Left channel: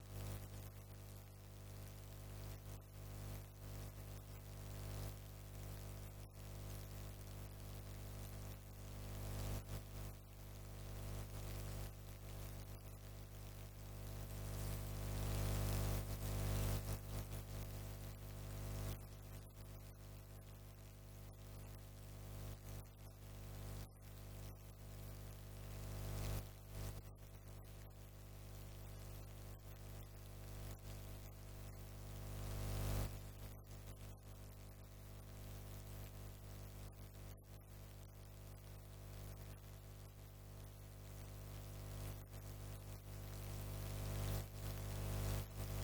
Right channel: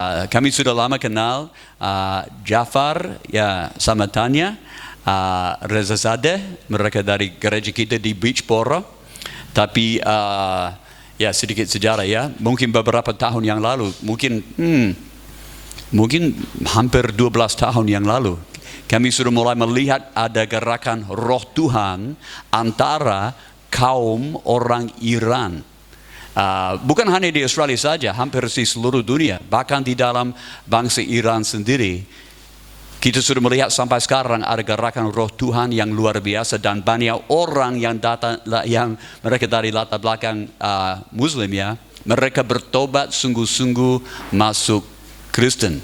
Kami sudah lama kenal Jafar ya sama Tanya, Reza Zadeh, mereka dari gereja kita di Beachboro. Tapi ya sedikit sejarah ya, mungkin beberapa tahun yang lalu, mungkin hampir 12 tahun yang lalu, kami sudah mulai melihat ada gerakan roh Tuhan antara kaum orang Iran. Bukan hanya di Australia saja, hampir di seluruh dunia, bahkan di dalam bangsa Iran sendiri. Kita sudah melihat sampai sekarang ada gerakan roh Tuhan yang luar biasa, dan banyak orang yang datang, yang mereka dari latar belakang Muslim ya, mereka bertobat sungguh-sungguh masuk Kristen.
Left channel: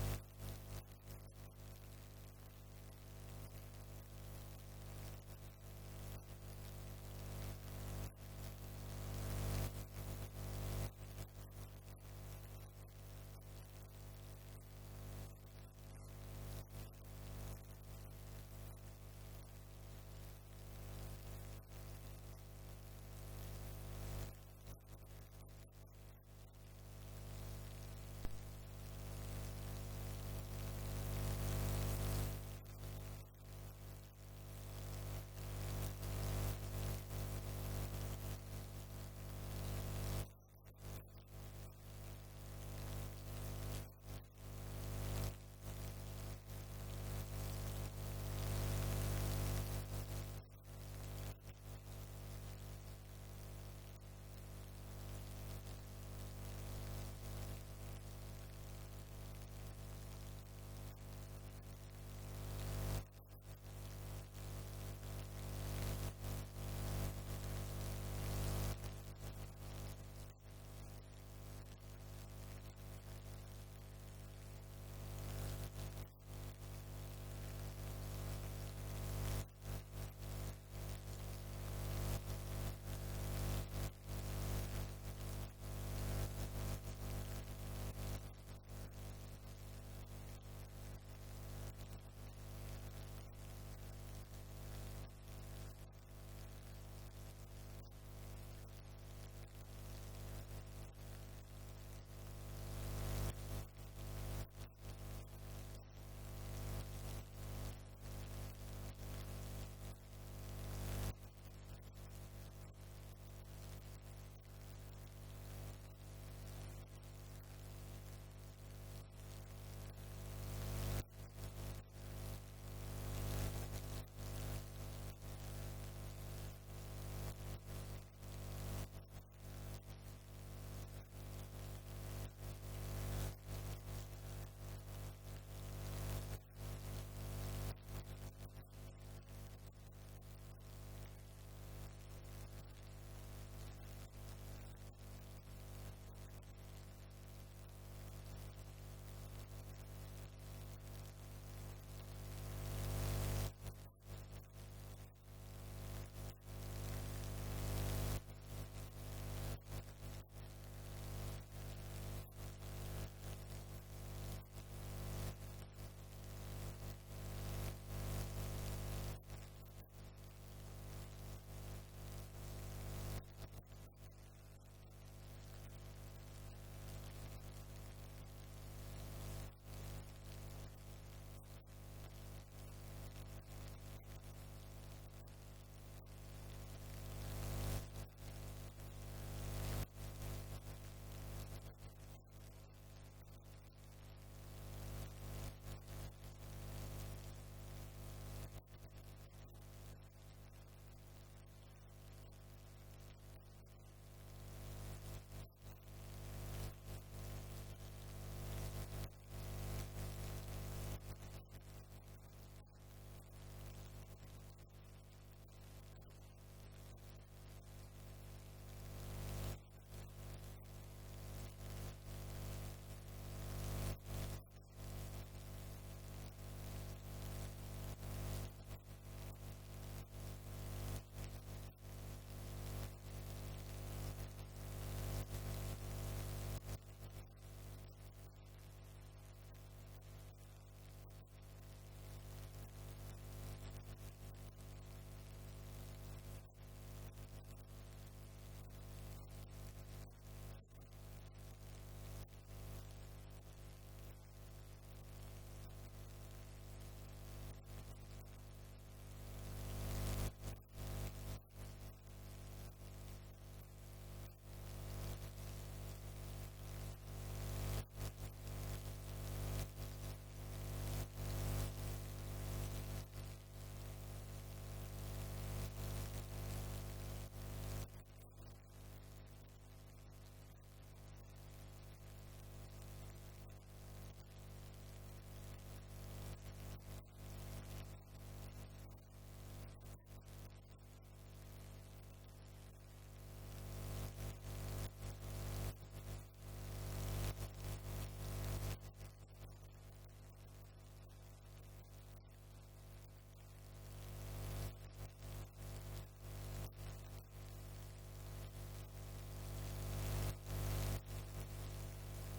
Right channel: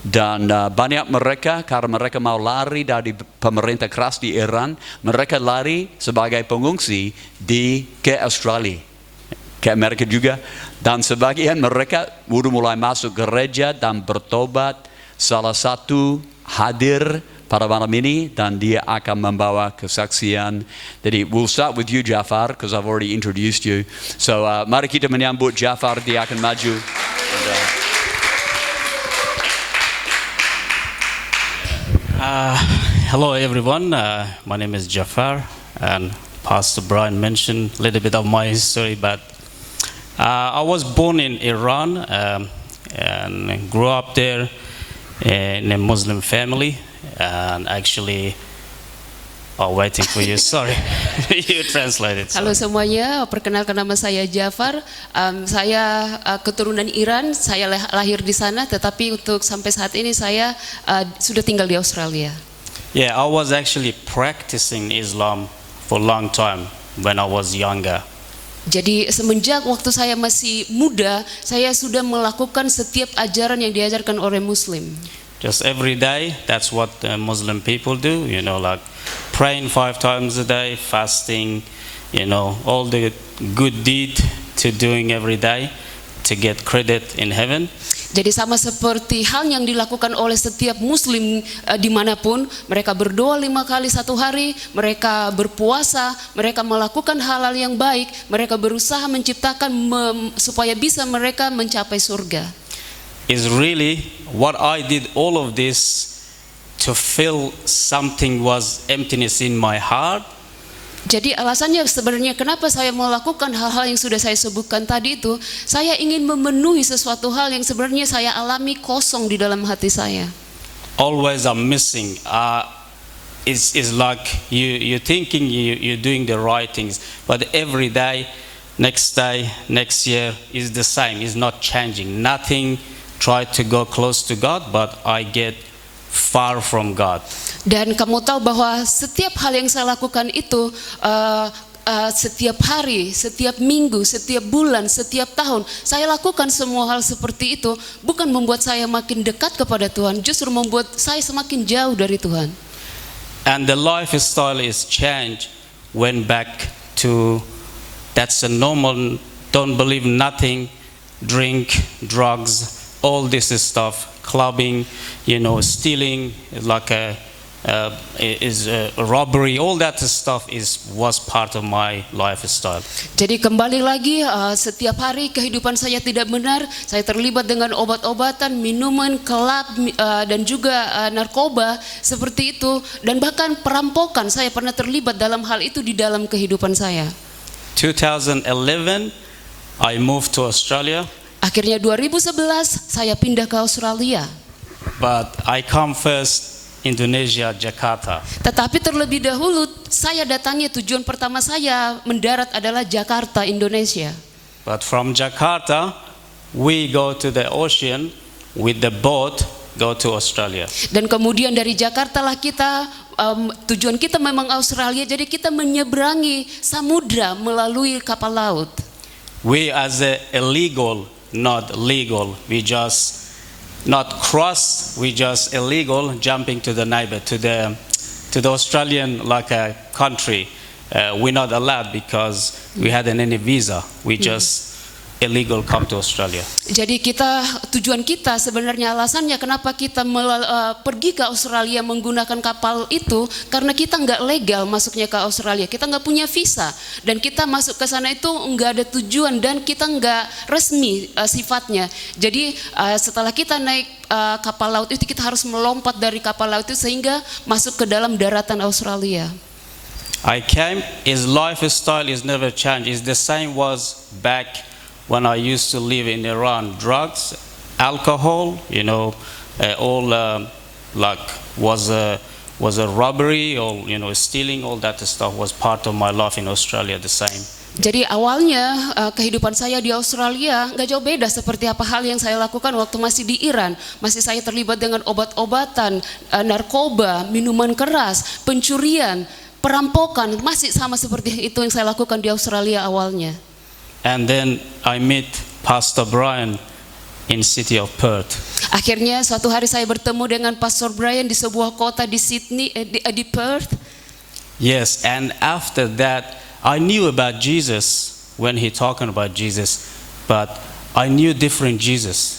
Dan banyak mereka, karena mereka mau lari dari pemerintah keras di Iran, mereka lari sebagai pengungsi ke Australia, ke Amerika juga. Dan sebagian mereka sudah mulai masuk gereja dan bertobat. Salah satu hadir pada malam ini dan dia akan membawa kesaksian. Jadi we'll start with you, Jafar, because I've already introduced you. So mari kita menyambut Jafar, dia akan maju. Hello everyone, my name is Jafar, and Pastor Brian mentioned a little bit of my history, but I was born in Iran and grew up there in a Muslim family, and actually waiting for you, sorry, you translated. Halo semuanya, perkenalkan nama saya Jafar. Saya keturunan Iran, saya lahir di sana, tetapi untuk sampai saat ini saya sudah tinggal di Australia. Yeah, I was actually practicing Islam for a long time when I was younger. Jadi semenjak waktu saya masih muda, saya sudah melakukan setiap ajaran yang diajarkan oleh Muslim. Just every day, that's what Muslim people do, you know, like praying 5 times a day, fasting, you know, all the good deed to doing every day to get credit in heaven. Jadi sama seperti hal yang dilakukan oleh setiap Muslim dimanapun, mereka berdoa 5 kali satu hari, mereka berpuasa, mereka melakukan hal-hal yang baik, mereka berusaha menciptakan supaya bisa mereka mencapai surga. Is really what I did all of this to feel something was emptiness in my heart. Jadi alasannya sebenarnya kenapa saya melakukan hal-hal yang sudah saya sebutkan tadi itu, saya ingin memenuhi sesuatu hal yang sebenarnya saya alami kosong di dalam hati saya. Always I'm missing. It's like you thinking you're doing the right things, but every day, next year is the same. It's not changing. Nothing try to go close to God, but I get far from God. Dan kamu tahu bahwa setiap hal yang saya lakukan itu setiap hari, setiap minggu, setiap bulan, setiap tahun, saya lakukan semua hal seperti itu bukan membuat saya makin dekat kepada Tuhan, justru membuat saya semakin jauh dari Tuhan. And the lifestyle is changed, went back to that's a normal, don't believe nothing, drink, drugs, all this stuff, clubbing, you know, stealing, like a robbery, all that stuff was part of my lifestyle. Jadi kembali lagi, setiap hari kehidupan saya tidak benar, saya terlibat dengan obat-obatan, minuman, kelab, dan juga narkoba seperti itu, dan bahkan perampokan. Saya pernah terlibat dalam hal itu di dalam kehidupan saya. 2011 I moved to Australia. Akhirnya 2011 saya pindah ke Australia. But I come first Indonesia, Jakarta. Tetapi terlebih dahulu saya datangi, tujuan pertama saya mendarat adalah Jakarta, Indonesia. But from Jakarta we go to the ocean with the boat, go to Australia. Dan kemudian dari Jakarta lah kita tujuan kita memang Australia, jadi kita menyeberangi samudra melalui kapal laut. We as a illegal, not legal, we just not cross, we just illegal jumping to the neighbor, to the Australian like a country. We're not allowed because we hadn't any visa. We just illegal come to Australia. Jadi tujuan kita sebenarnya alasannya kenapa kita pergi ke Australia menggunakan kapal itu karena kita nggak legal masuknya ke Australia, kita nggak punya visa dan kita masuk ke sana itu nggak ada tujuan dan kita nggak resmi sifatnya. Jadi setelah kita naik kapal laut itu kita harus melompat dari kapal laut itu sehingga masuk ke dalam daratan Australia. I came, his lifestyle is never changed. It's the same was back when I used to live in Iran. Drugs, alcohol, all like was a robbery or stealing, all that stuff was part of my life in Australia the same. Jadi awalnya kehidupan saya di Australia nggak jauh beda seperti apa hal yang saya lakukan waktu masih di Iran. Masih saya terlibat dengan obat-obatan, narkoba, minuman keras, pencurian, perampokan, masih sama seperti itu yang saya lakukan di Australia awalnya. And then I meet Pastor Brian in city of Perth. Akhirnya suatu hari saya bertemu dengan Pastor Brian di sebuah kota di Sydney, di Perth. Yes, and after that I knew about Jesus when he talking about Jesus, but I knew different Jesus.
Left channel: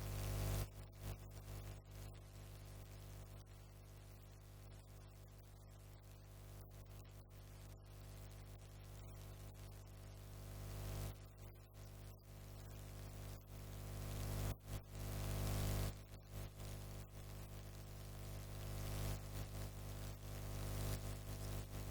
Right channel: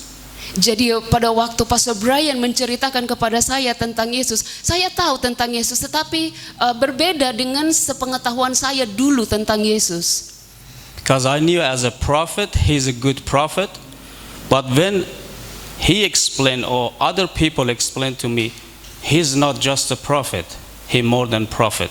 Jadi pada waktu Pastor Brian menceritakan kepada saya tentang Yesus, saya tahu tentang Yesus, tetapi berbeda dengan sepengetahuan saya dulu tentang Yesus. Because I knew as a prophet, he's a good prophet. But when he explained or other people explained to me, he's not just a prophet, he more than prophet.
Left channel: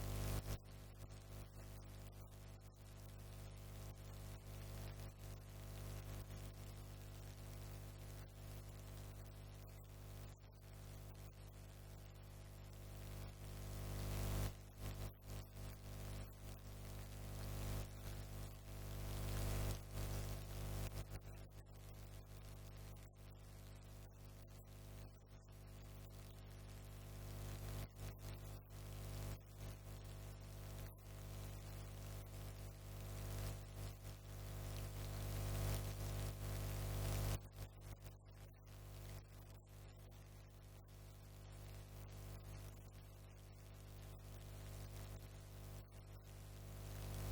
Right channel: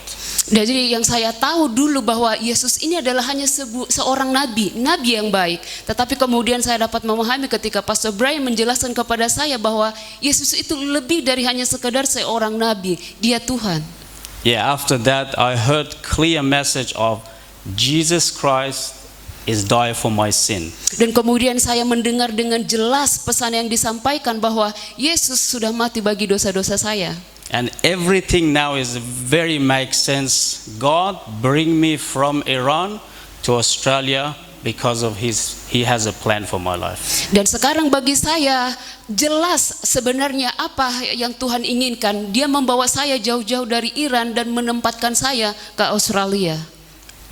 Jadi yang saya tahu dulu bahwa Yesus ini adalah hanya seorang nabi yang baik. Tetapi kemudian saya dapat memahami ketika Pastor Brian menjelaskan kepada saya bahwa Yesus itu lebih dari hanya sekedar seorang nabi, dia Tuhan. Yeah, after that I heard clear message of Jesus Christ is die for my sin. Dan kemudian saya mendengar dengan jelas pesan yang disampaikan bahwa Yesus sudah mati bagi dosa-dosa saya. And everything now is very make sense. God bring me from Iran to Australia because of he has a plan for my life. Dan sekarang bagi saya jelas sebenarnya apa yang Tuhan inginkan. Dia membawa saya jauh-jauh dari Iran dan menempatkan saya ke Australia.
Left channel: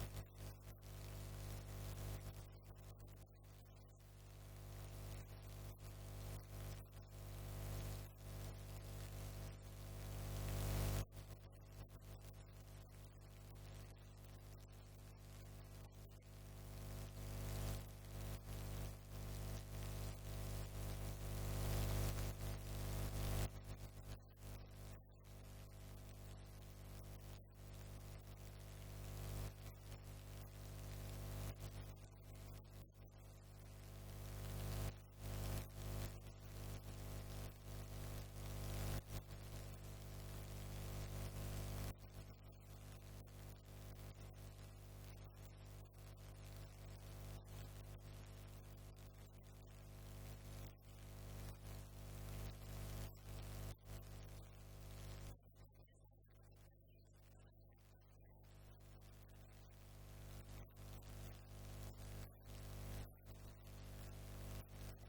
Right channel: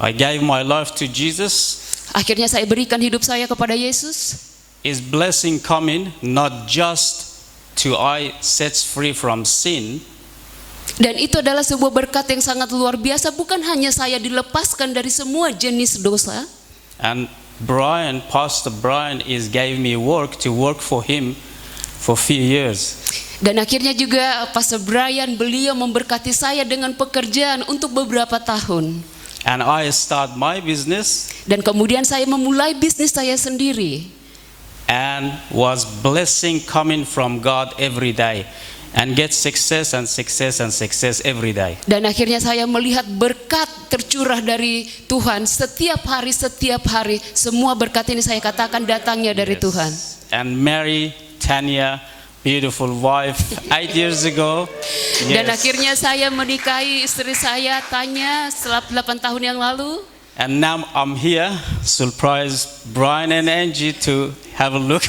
I gave my life to Jesus. Akhirnya saya berikan hidup saya kepada Yesus. Is blessing coming not just to I sets free from sin. Dan itu adalah sebuah berkat yang sangat luar biasa, bukan hanya saya dilepaskan dari semua jenis dosa. And Pastor Brian gave me work to work for him for few years. Dan akhirnya juga Pastor Brian beliau memberkati saya dengan pekerjaan untuk beberapa tahun. And I start my business. Dan kemudian saya memulai bisnis saya sendiri. And was blessing coming from God every day. And get success and success and success every day. Dan akhirnya saya melihat berkat tercurah dari Tuhan setiap hari. Semua berkat ini saya katakan datangnya dari Tuhan. And Mary, Tanya, beautiful wife, 8 years ago. Dan akhirnya saya menikahi istri saya Tanya setelah 8 tahun yang lalu. And now I'm here, surprise Brian and Angie to have a look.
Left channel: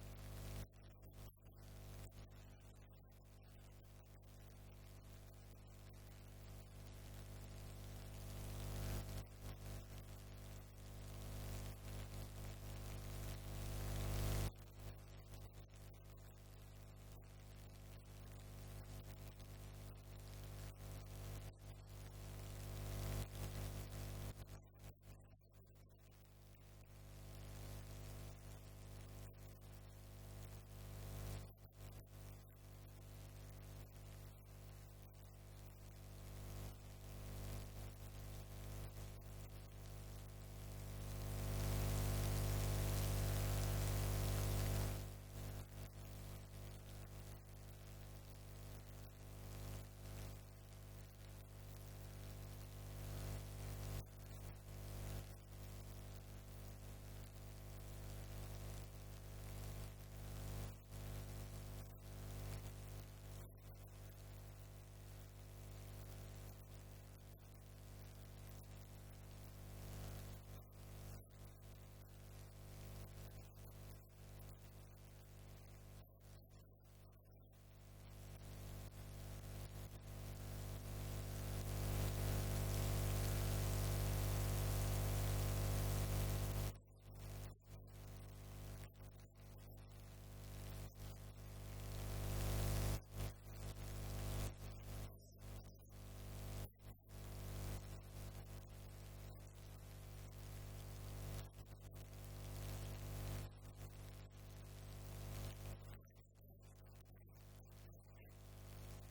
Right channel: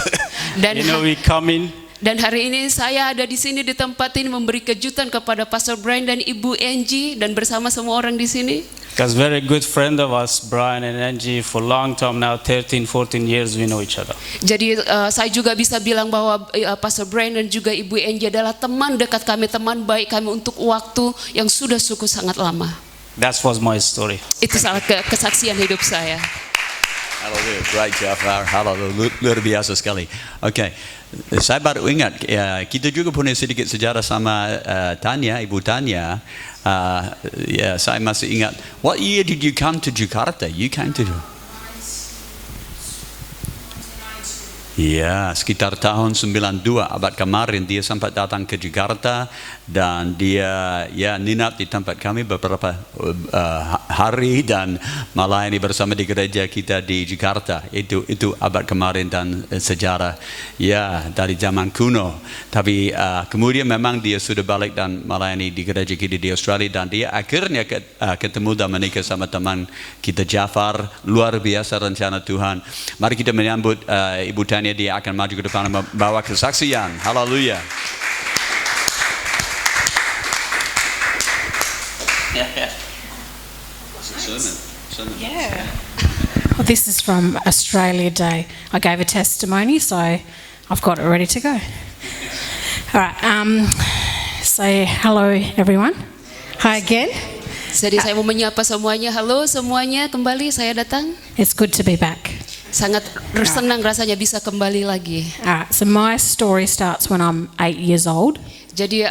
We come in. Dan hari ini saya ada di sini di tempat ini memberi kejutan kepada Pastor Brian dan Ibu Angie dan bersama semua orang di sini. Because very good friend of us, Brian and Angie, for long time now, 13, 14 years we know each other. Jadi saya juga bisa bilang bahwa Pastor Brian dan juga Ibu Angie adalah teman dekat kami, teman baik kami untuk waktu yang sudah cukup sangat lama. That was my story. Itu salah kesaksian hidup saya. Haleluya, great Jafar, haleluya, luar biasa sekali. Okay, saya baru ingat, kita juga punya sedikit sejarah sama Tanya, Ibu Tanya. Saya masih ingat. What year did you come to Jakarta? You came to... Ya, sekitar tahun 92 abad kemarin dia sempat datang ke Jakarta dan dia ninap di tempat kami beberapa hari dan melayani bersama di gereja kita di Jakarta. Itu abad kemarin dan sejarah dari zaman kuno. Tapi kemudian memang dia sudah balik dan melayani di gereja kita di Australia dan dia akhirnya ketemu dan menikah sama teman kita Jafar. Luar biasa rencana Tuhan. Mari kita menyambut Ibu Tanya. Dia akan maju ke depan membawa kesaksian. Haleluya. Yeah. This is from Australia Day. I gave a testimony, so I've got it ready to go. All right. Say hello, everyone. Hi again. Jadi saya mau menyapa semuanya. Halo semuanya, kembali saya datang. It's good to be back. Sangat senang rasanya bisa kembali lagi. So my story starts when I'm 8 years old. Jadi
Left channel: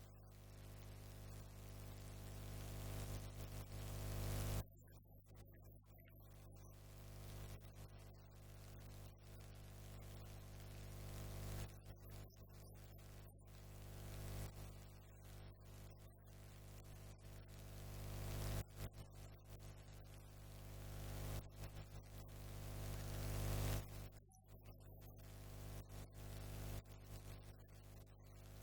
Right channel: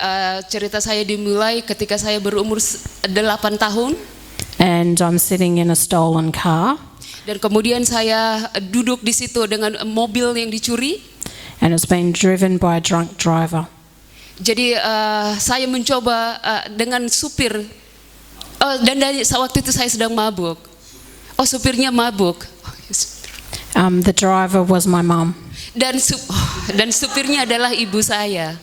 cerita saya dimulai ketika saya berumur 8 tahun. And I'm sitting in a stolen car. Dan kemudian saya duduk di situ dengan mobil yang dicuri. And it's been driven by a drunk driver. Jadi saya mencoba dengan supir. Dan waktu itu saya sedang mabuk. Supirnya mabuk. The driver was my mum. Dan supirnya adalah ibu saya.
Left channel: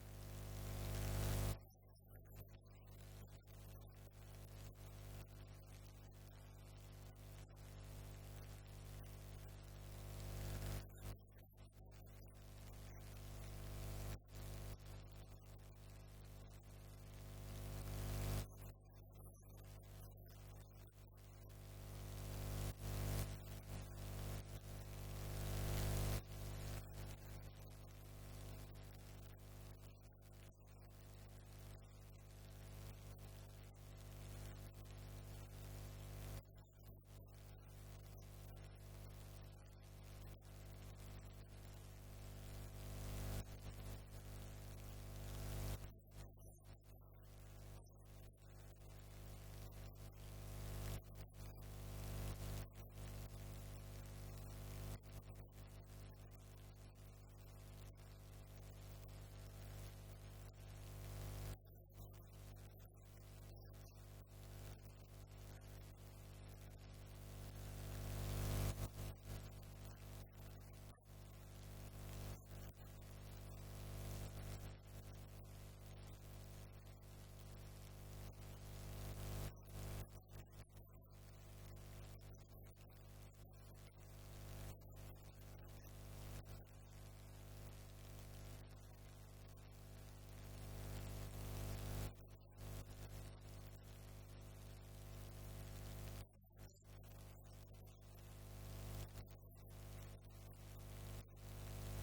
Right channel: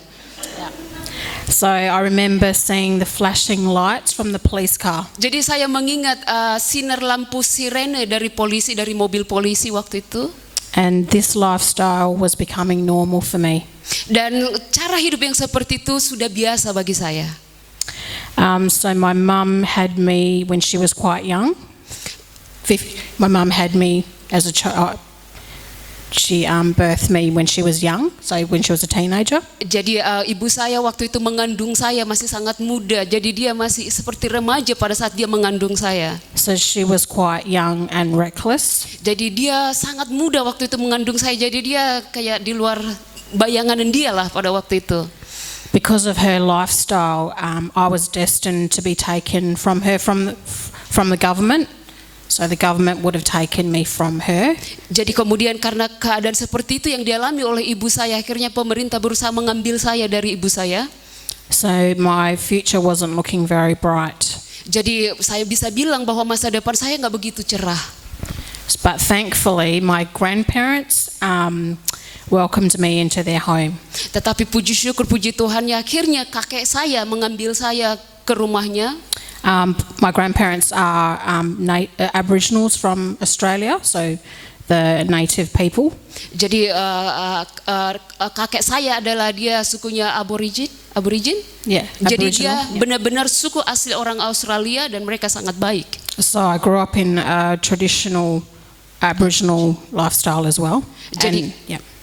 So I remember seeing the flashing lights from the police car. Jadi saya mengingat sinar lampu sirene dari mobil polisi waktu itu. And this lifestyle was becoming normal for me. Dan cara hidup yang seperti itu sudah biasa bagi saya. So my mum had me when she was quite young. My mum had me as a child. She birthed me when she was young, so when she was a teenager. Jadi ibu saya waktu itu mengandung saya masih sangat muda. Jadi dia masih seperti remaja pada saat dia mengandung saya. So she was quite young and reckless. Jadi dia sangat muda waktu itu mengandung saya. Jadi dia kayak di luar bayangan dia lah pada waktu itu. Because of her lifestyle, I was destined to be taken from her from the government. So the government would have taken me from her. Jadi kemudian karena keadaan seperti itu yang dialami oleh ibu saya, akhirnya pemerintah berusaha mengambil saya dari ibu saya. So my future wasn't looking very bright. Jadi saya bisa bilang bahwa masa depan saya nggak begitu cerah. But thankfully, my grandparents welcomed me into their home. Tetapi puji syukur, puji Tuhan, akhirnya kakek saya mengambil saya ke rumahnya. My grandparents are Aboriginals from Australia, so the native people. Jadi kakek saya adalah dia sukunya Aborigin. Yeah, Jadi Aboriginal, dia benar-benar suku asli orang Australia dan mereka sangat baik. So I grew up in a traditional Aboriginal lifestyle as well.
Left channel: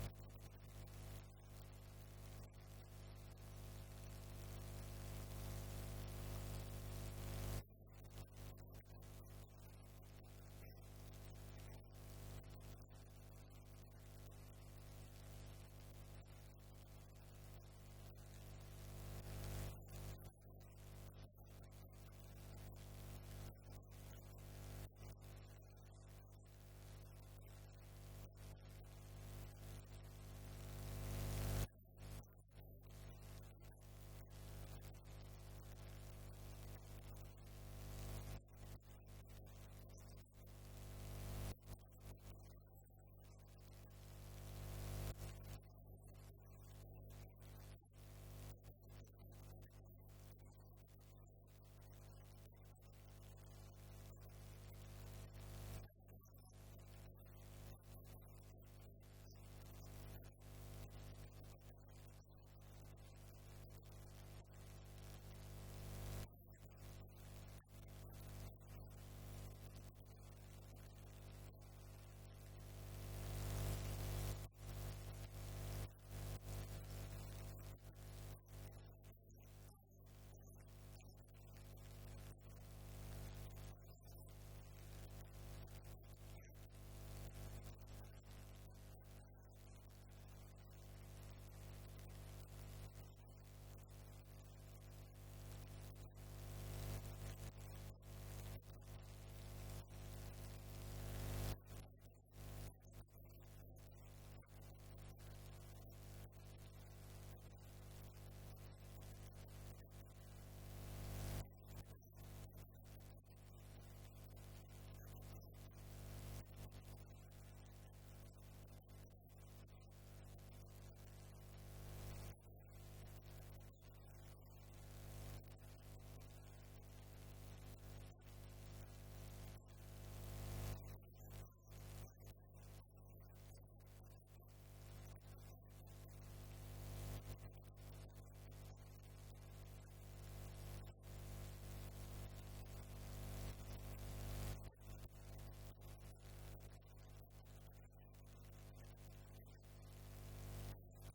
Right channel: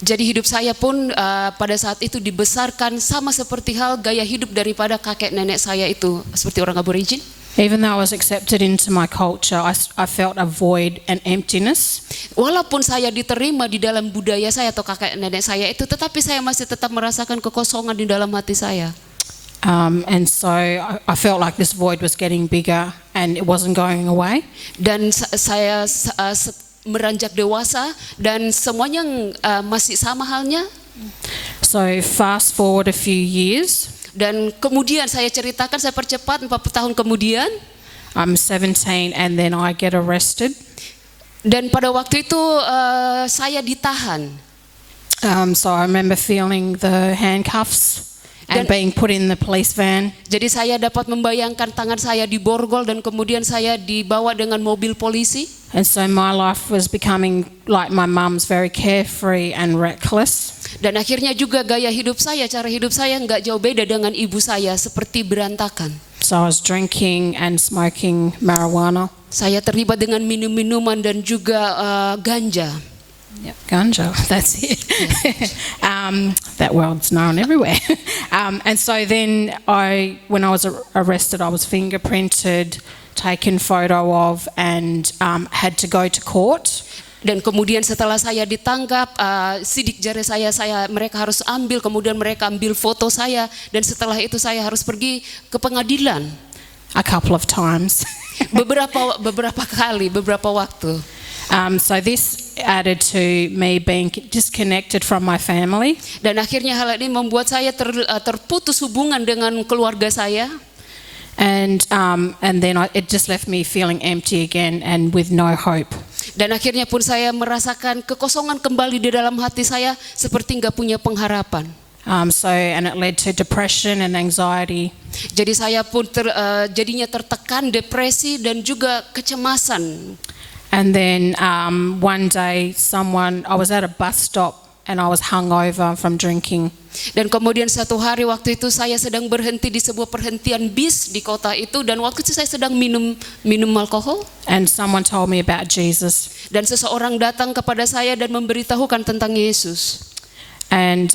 Jadi hidup saya pun pada saat itu dibesarkan sama seperti hal gaya hidup daripada kakek nenek saya itu seperti orang Aborigin. Even though I was accepted into my culture, I felt a void and emptiness. Walaupun saya diterima di dalam budaya saya atau kakek nenek saya itu, tetapi saya masih tetap merasakan kekosongan di dalam hati saya. And so I felt like this void was getting bigger and it wasn't going away. Dan saya meranjak dewasa dan semuanya masih sama halnya. So fast forward a few years. Dan kemudian saya ceritakan, saya percepat 40 tahun kemudian. I'm 17 and then I get arrested. Dan pada waktu itu saya ditahan. So I remember feeling the handcuffs and being put in the police van. Jadi saya dapat membayangkan tangan saya diborgol dan kemudian saya dibawa dengan mobil polisi. And so my life was becoming like my mum's, very carefree and reckless. Dan akhirnya juga gaya hidup saya, cara hidup saya nggak jauh beda dengan ibu saya, seperti berantakan. So I was drinking and smoking marijuana. Saya terlibat dengan minum-minuman dan juga ganja. Yep, ganja, that's it. That word's known everywhere. And so then when I was arrested, I was fingerprinted, taken photo of, and had to go to court. Dan kemudian setelah saya ditangkap, sidik jari mereka harus ambil, kemudian mereka ambil foto saya, dan setelah itu saya harus pergi ke pengadilan. A couple of times. beberapa kali, beberapa waktu. So this added to me being disconnected from my family. Dan akhirnya hal ini membuat saya terputus hubungan dengan keluarga saya. And then it just left me feeling empty again and with no hope. Dan akhirnya pun saya merasakan kekosongan kembali di dalam hati saya, seperti nggak punya pengharapan. And it led to depression and anxiety. Jadi saya pun jadinya tertekan, depresi dan juga kecemasan. And then one day I was at a bus stop and I was hungover from drinking. Dan kemudian satu hari waktu itu saya sedang berhenti di sebuah perhentian bis di kota itu, dan waktu itu saya sedang minum alkohol. And someone told me about Jesus. Dan seseorang datang kepada saya dan memberitahukan tentang Yesus. And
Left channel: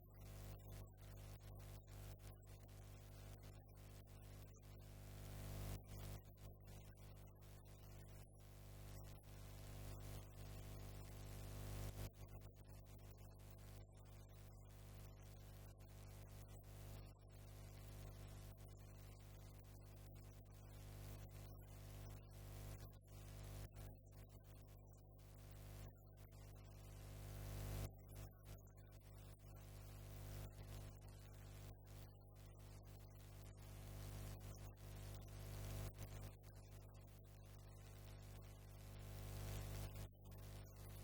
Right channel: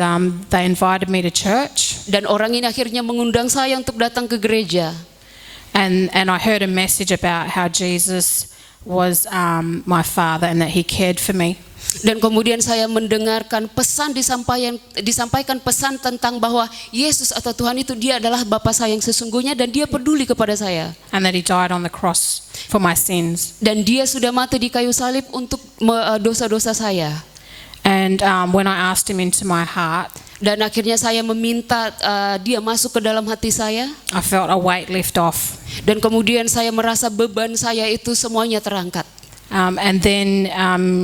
they invited me to church. Dan orang ini akhirnya mengundang saya untuk datang ke gereja. And I heard a message about how Jesus was my father and that he cared for me. Dan kemudian saya mendengarkan disampaikan pesan tentang bahwa Yesus atau Tuhan itu dia adalah Bapa saya yang sesungguhnya dan dia peduli kepada saya. And that he died on the cross for my sins. Dan dia sudah mati di kayu salib untuk dosa-dosa saya. And when I asked him into my heart, dan akhirnya saya meminta dia masuk ke dalam hati saya. I felt a weight lift off. Dan kemudian saya merasa beban saya itu semuanya terangkat. And then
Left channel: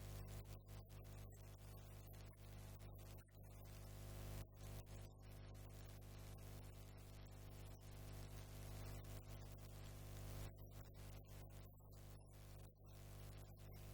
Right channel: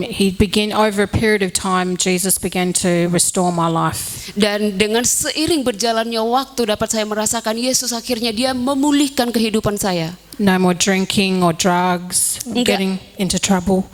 he began, over a period of time, Jesus began to restore my life. Dan dengan seiring berjalannya waktu dapat saya merasakan Yesus akhirnya dia memulihkan kehidupan saya. No more drinking or drugs, getting into trouble.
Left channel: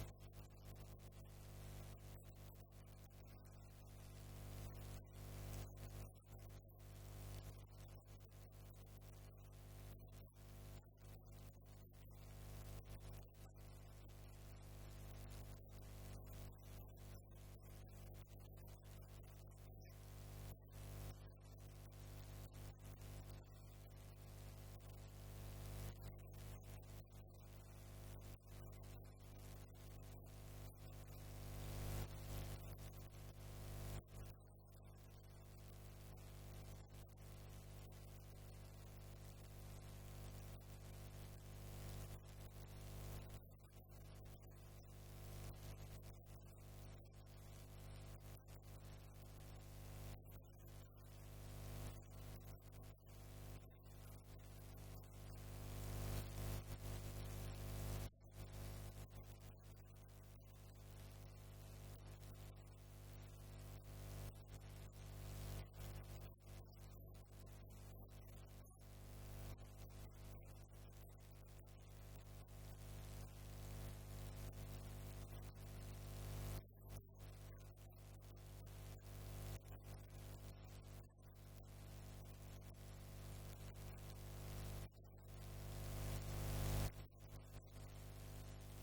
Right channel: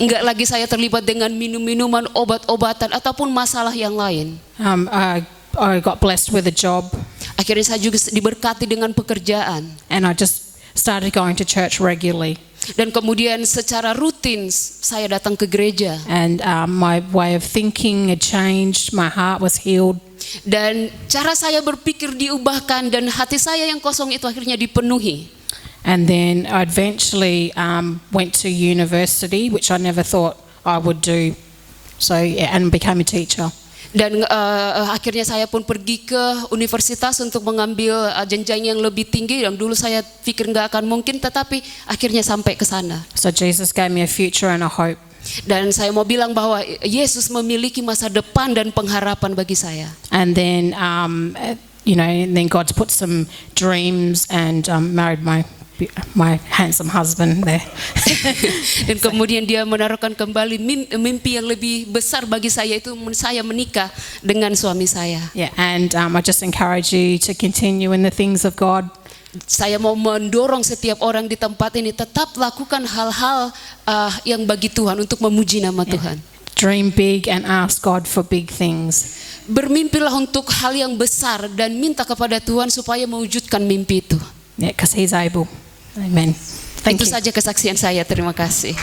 Enggak lagi saya terlibat dengan minum-minuman, obat-obatan ataupun masalah yang lain. I got blessed with a job. Akhirnya saya juga diberkati dengan pekerjaan. And I just started going to church regularly. Dan kemudian secara rutin saya datang ke gereja. And my way of thinking had changed. My heart was healed. Dan cara saya berpikir diubahkan dan hati saya yang kosong itu akhirnya dipenuhi. And then I eventually went to university, which I never thought I would do. So yeah, and became a teacher. Dan akhirnya saya pun pergi ke universitas untuk mengambil jenjang yang lebih tinggi yang dulu saya pikir nggak akan mungkin, tetapi akhirnya sampai ke sana. So Jesus gave me a future and a hope. Dan saya mau bilang bahwa Yesus memiliki masa depan dan pengharapan bagi saya. And then then God's put some dreams and married my handsome husband there. Dan kemudian dia menaruhkan kembali mimpi yang lebih besar bagi saya, itu saya menikah dengan suami saya. Yeah, and I just encourage you to continue in the things of God. Saya mau mendorong setiap orang di tempat ini tetap lakukan hal-hal yang bagi Tuhan untuk memuji nama Tuhan. Dream big and ask God for big things. Bermimpilah untuk hal yang besar dan minta kepada Tuhan supaya mewujudkan mimpi itu. Yeah, because He's able. Amen. Thank Itu you. saja kesaksian saya. Terima kasih.